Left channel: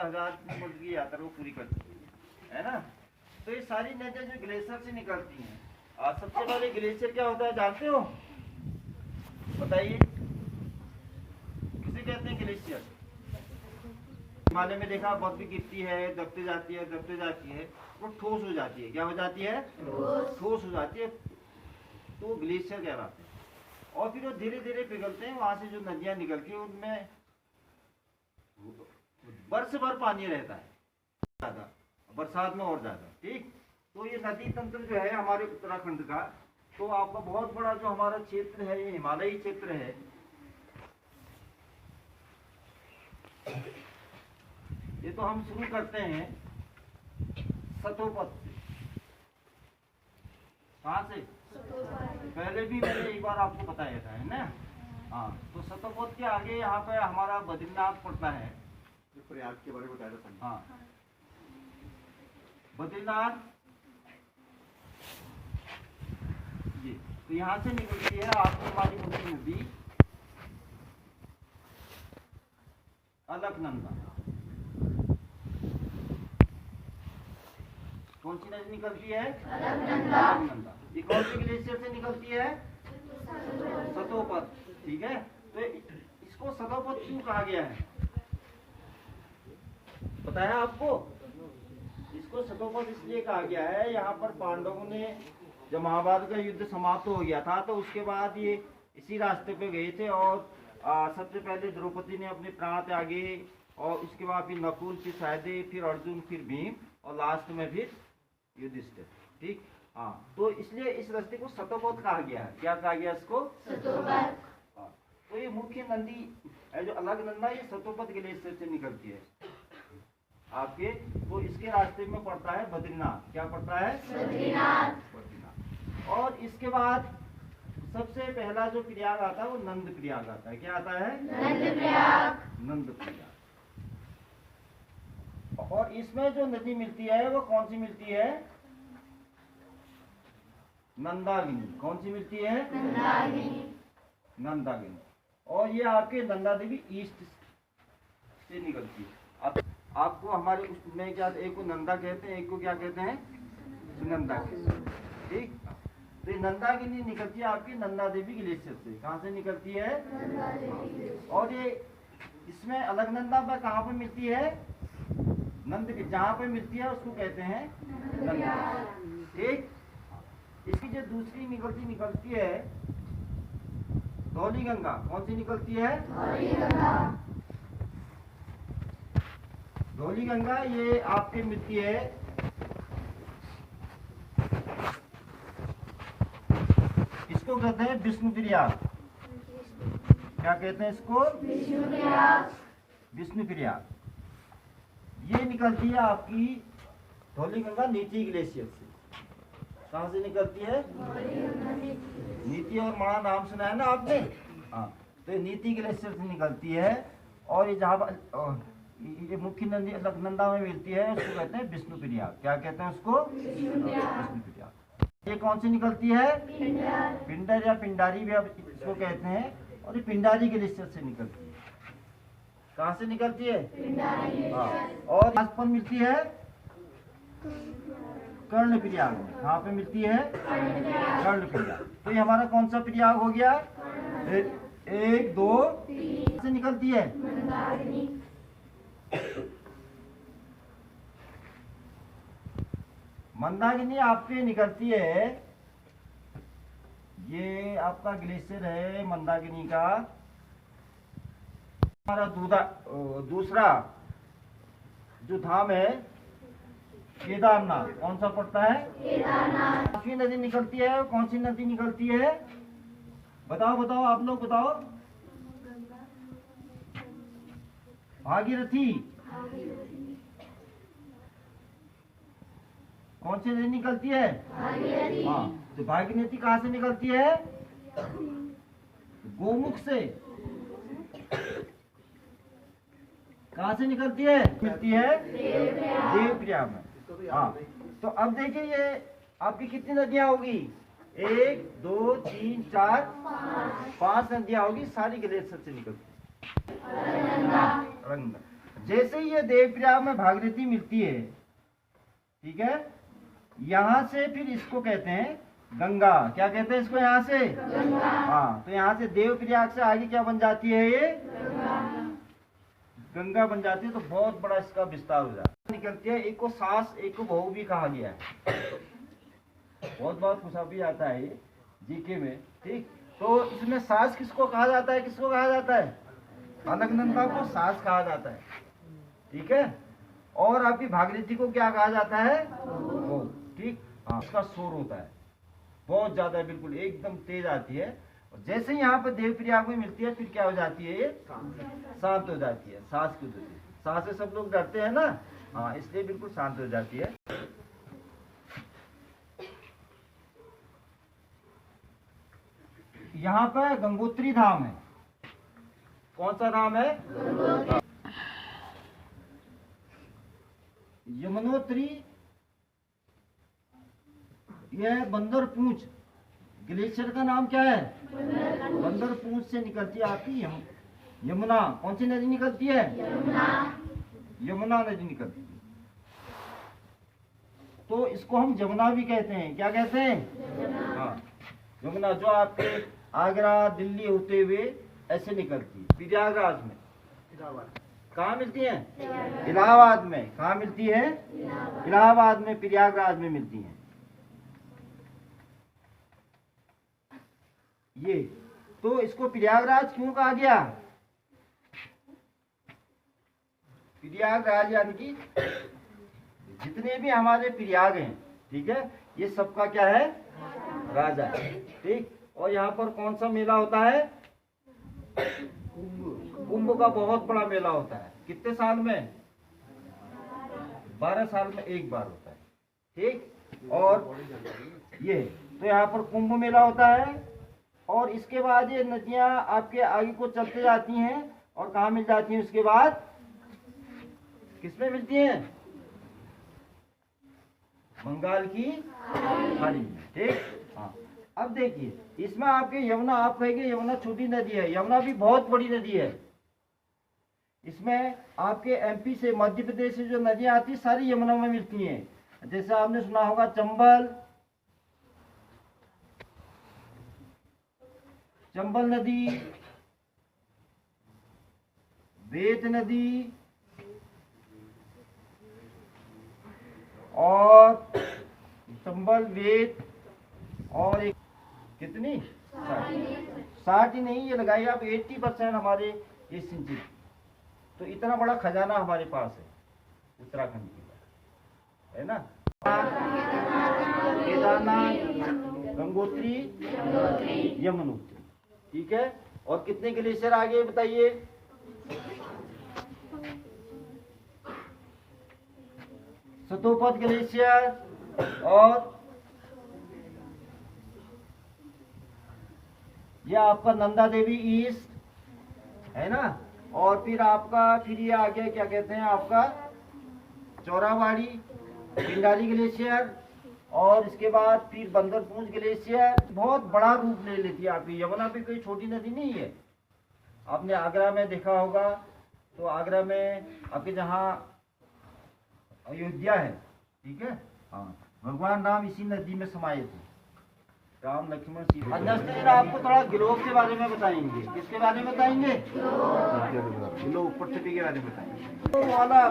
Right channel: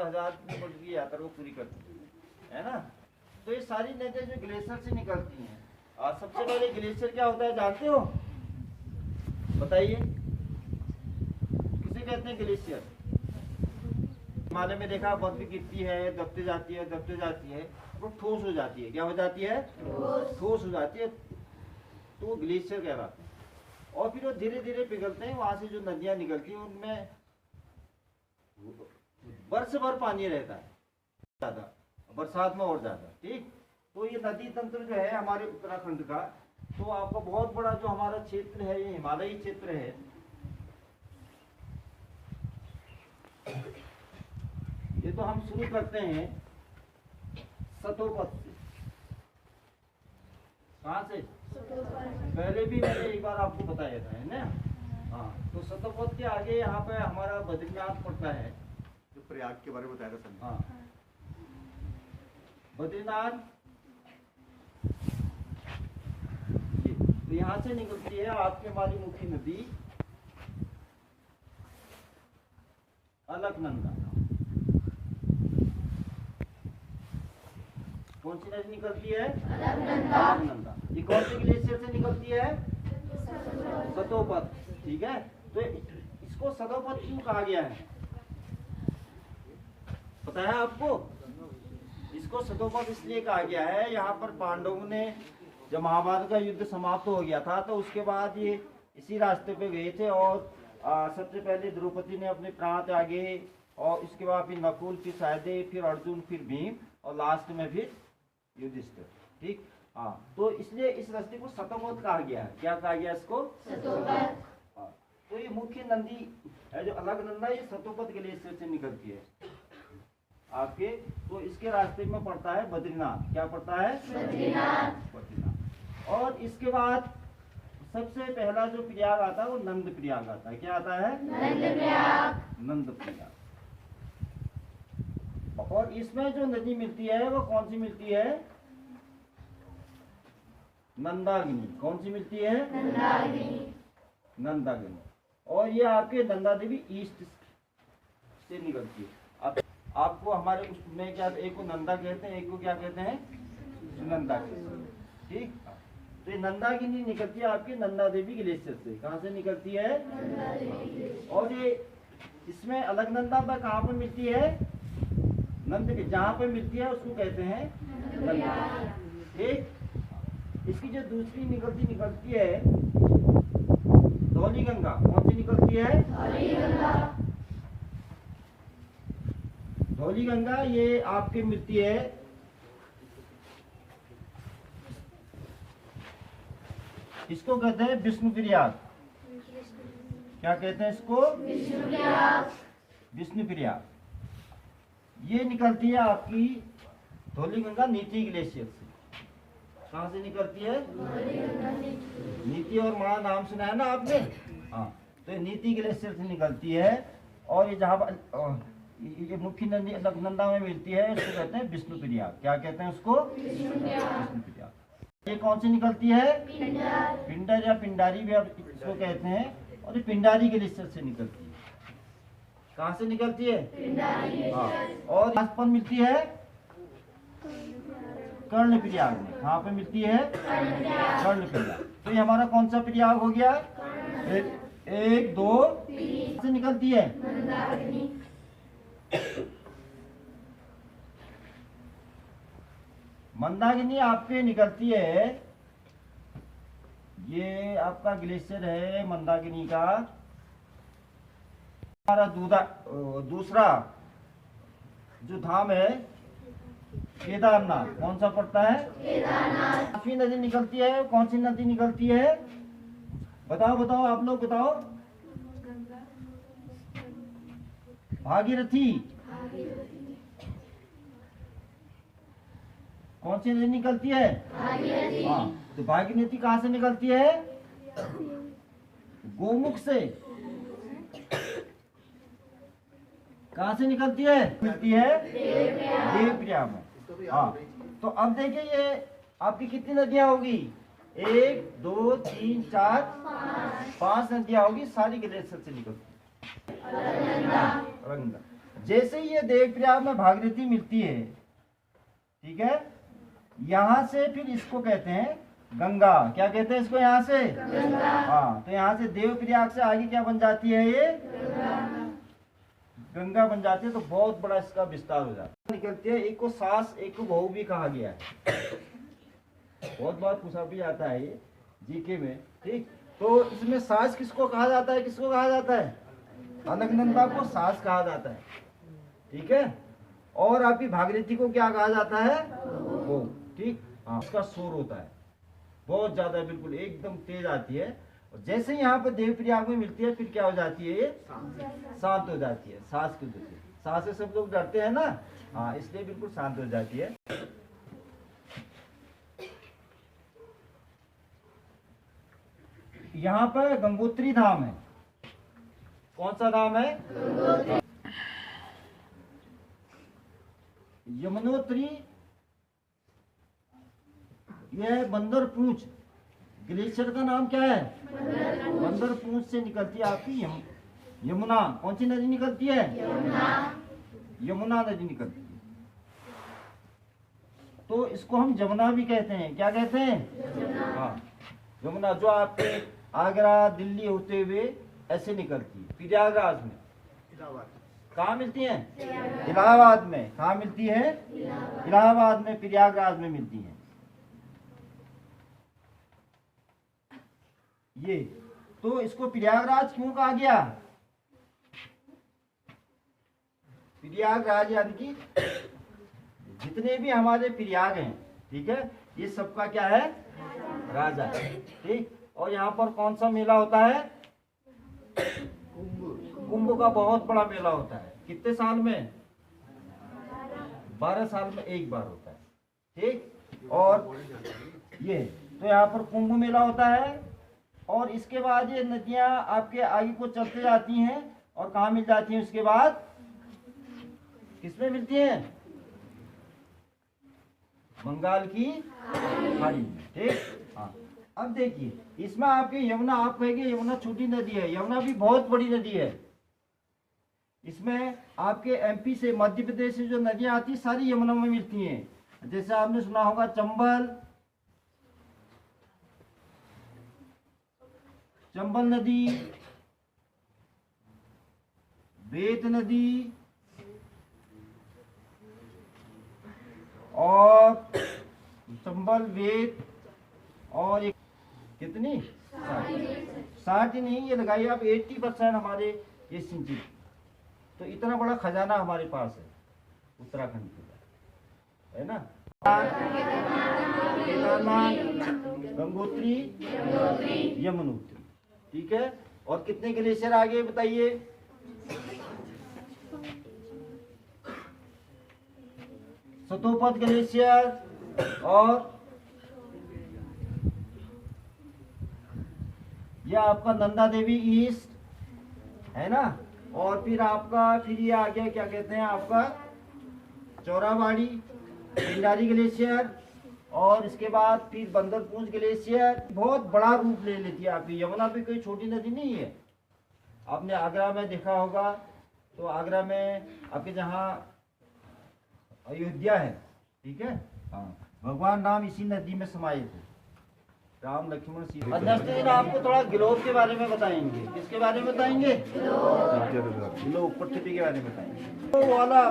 1000 kilometre की यात्रा को पूरी करती है ना। तो ये सारी नदियाँ जो ग्लेशियर से निकलती हैं, सबसे पहले ग्लेशियर क्या होता है जानते हो? बताइए, किसे कहते हैं ग्लेशियर? हिमालय में देखा बर्फ भी गिरती है, दबते जाती है, दबते जाती है, वो ठोस हो जाती है। क्या हो जाती है? ठोस हो जाती है, तो वो ग्लेशियर कहलाते हैं। और फिर वो धीरे धीरे पिघलते हैं, वहां से जो नदियां निकलती हैं उनमें वर्ष भर पानी रहता है, ज्यादा बरसात में और ज्यादा। ठीक, तो ये नदी तंत्र जो है हमारे उत्तराखंड का, तो आपका बहुत बड़ा जो हमारा क्षेत्र है ये हिमालयी क्षेत्र है। ये तो हम शुरू करते हैं सतोपथ से। कहाँ से? पहले भी मैंने एक बार आपको बताया था, है ना। हाँ, तो सतोपथ के आगे यहाँ पे हमारा बद्रीनाथ पड़ता है, जो प्रयाग के बारे में बताया था। हाँ, बद्रीनाथ ये तो यहाँ से निकलती है आपकी हमारी मुख्य नदी अलकनंदा। कौन सी नदी निकलती है? अलकनंदा। ये कौन से ग्लेशियर से निकलती है? सतोपथ। ठीक है, तो इसको सतोपथ क्यों कहा गया है पता है आपको? इसको सतोपथ इसलिए कहा गया है, यहाँ पर पांडवों ने जब महाभारत का युद्ध समाप्त हो गया था तो उसके बाद ये इसी रास्ते पे गए थे, और सबसे पहले द्रौपदी ने अपने प्राण त्यागे, और इसके बाद फिर नकुल, फिर सहदेव, फिर अर्जुन, फिर भीम, और लास्ट में फिर युधिष्ठिर। ठीक, हाँ, तो इसलिए इस रास्ते को सतोपथ कहा गया है। क्या कहा गया इसको? सतोपथ। तो ये मुख्य नदी है जो अलकनंदा, ये सतोपथ ग्लेशियर से निकलती है आपके। तो इसके रास्ते में पड़ता है बद्रीनाथ। क्या पड़ता है? बद्रीनाथ। और इसके बाद सबसे पहला जो प्रयाग आता है वो नंद प्रयाग आता है। क्या आता है? नंद प्रयाग। और इसमें जो नदी मिलती है वो कौन सी मिलती है? नंदागिनी। कौन सी मिलती है? नंदागिनी। और ये आपके नंदा देवी ईस्ट से निकलती है। अब आपको हमारे उसमें क्या, एक को नंदा कहते हैं, एक को क्या कहते हैं? सुनंदा कहते हैं। ठीक, तो नंदागिनी निकलती है आपकी नंदा देवी ग्लेशियर से। कहाँ से निकलती है? और ये इसमें अलकनंदा पर कहाँ पर मिलती है? नंद, जहाँ पे मिलती है उसको कहते हैं नंदा। ठीक, इसकी जो दूसरी निकलती है धौली गंगा। कौन सी निकलती है? धौली गंगा। ये आपके मिलती है इसको कहते हैं विष्णु प्रयाग। क्या कहते हैं इसको? विष्णु प्रयाग। ये निकलती है आपकी धौली गंगा नीति ग्लेशियर से। कहाँ से निकलती है? नीति और मणा नाम सुना है ना आपने? हाँ, तो ये नीति ग्लेशियर से निकलती है। और ये जहाँ ये मुख्य नदी अलकनंदा में मिलती है उसको कहते हैं विष्णु प्रयाग। क्या कहते हैं उसको? विष्णु प्रयाग। ये कौन सी निकलती है? पिंडर या पिंडारी भी आप इसको कहते हैं। और ये पिंडारी ग्लेशियर से निकलती है। कहाँ से निकलती है? हाँ, और पासपन मिलती है कर्ण प्रयाग में। कहाँ पे मिलती है? कर्ण प्रयाग। तो ये हमारा कौन सा प्रयाग हो गया? 1 2 3 से निकलती है मंदाकिनी। आपके निकलती है, ये आपका ग्लेशियर है मंदाकिनी का। हमारा दूसरा जो धाम है केदारनाथ। कौन सा पड़ता है? काफी नदी निकलती है। कौन सी नदी निकलती है? बताओ आप लोग बताओ। भागीरथी। कौन सी नदी निकलती है? हाँ, तो भागीरथी कहाँ से निकलती है? गोमुख से। कहाँ से निकलती है? मिलती है देवप्रयाग में। हाँ, तो अब देखिए ये आपकी कितनी नदियां होगी? 1 2 3 4 5 नदियां होगी, सारी ग्लेशियर से निकलती है। जैसे ही ये देवप्रयाग में भागीरथी मिलती है, ठीक है, यहाँ से फिर इसको कहते हैं गंगा। क्या कहते हैं इसको? यहाँ से गंगा। हाँ, तो यहाँ से देवप्रयाग से आगे क्या बन जाती है? ये गंगा बन जाती है। तो बहुत बड़ा इसका विस्तार हो जाता है, निकलती है। एक को सास, एक को बहू भी कहा गया है। बहुत बहुत पूछा भी आता है ये जीके में, ठीक। तो इसमें सास किसको कहा जाता है? किसको कहा जाता है? अलकनंदा को सास कहा जाता है, ठीक है। और आपकी भागीरथी को क्या कहा जाता है? बहू, ठीक। हाँ, इसका शोर होता है बहुत ज्यादा, बिल्कुल एकदम तेज आती है। और जैसे यहाँ पर देवप्रयाग में मिलती है, फिर क्या हो जाती है? ये शांत हो जाती है। सांस की वजह से, सांस से सब लोग डरते हैं ना, हाँ, इसलिए बिल्कुल शांत हो जाती है। यहाँ पर गंगोत्री धाम है। कौन सा धाम है? यमुनोत्री। यह बंदर पूंछ ग्लेशियर का नाम क्या है? बंदर पूंछ से निकलती आती यमुना। कौन सी नदी निकलती है? यमुना नदी निकलती है। तो इसको हम जमुना भी कहते हैं। क्या कहते हैं? हाँ, यमुना, जो आपके आगरा दिल्ली होते हुए ऐसे निकलती है। प्रयागराज में कहाँ मिलती है? इलाहाबाद में। कहाँ मिलती है? इलाहाबाद में, प्रयागराज में मिलती है। ये तो इसको प्रयागराज क्यों कहा गया? प्रयागराज यानी कि जितने भी हमारे प्रयाग हैं, ठीक है, ये सबका क्या है? राजा है, ठीक। और यहाँ पर कौन सा मेला होता है? कुंभ का बहुत बड़ा मेला होता है। कितने साल में? 12 साल में एक बार होता है, ठीक। और ये तो यहाँ पर कुंभ मेला होता है। और इसके बाद ये नदियां आपके आगे को चलते जाती हैं और कहाँ मिल जाती हैं? उसके बाद किसमें मिलती हैं? बंगाल की खाड़ी में, ठीक। हाँ, अब देखिए इसमें आपके यमुना, आप कहेंगे यमुना छोटी नदी है, यमुना भी बहुत बड़ी नदी है। इसमें आपके एमपी से, मध्य प्रदेश से जो नदियां आती है सारी यमुना में मिलती हैं। जैसे आपने सुना होगा चंबल नदी, वेद नदी और चंबल, वेद और एक कितनी 60 नहीं, ये लगाइए आप 80% हमारे ये सिंचित। तो इतना बड़ा खजाना हमारे पास है उत्तराखंड का, है ना। केदारनाथ, गंगोत्री, यमुनोत्री, ठीक है। और कितने ग्लेशियर आगे बताइए? सतोपद ग्लेशियर और ये आपका नंदा देवी ईस्ट, है ना। और फिर आपका फिर ये आ गया, क्या कहते हैं आपका, चौराबाड़ी, पिंडारी ग्लेशियर। और इसके बाद फिर बंदरपूंछ ग्लेशियर। बहुत बड़ा रूप ले लेती है आपकी यमुना भी, कोई छोटी नदी नहीं है। आपने आगरा में देखा होगा, तो आगरा में आपके जहाँ अयोध्या है, ठीक है, हाँ, भगवान राम इसी नदी में समाये थे, राम लक्ष्मण सीता। नेक्स्ट दिन आपको थोड़ा ग्लोब के बारे में बताएंगे। किसके बारे में बताएंगे? ग्लोब, पृथ्वी के बारे में बताएंगे। तो वाला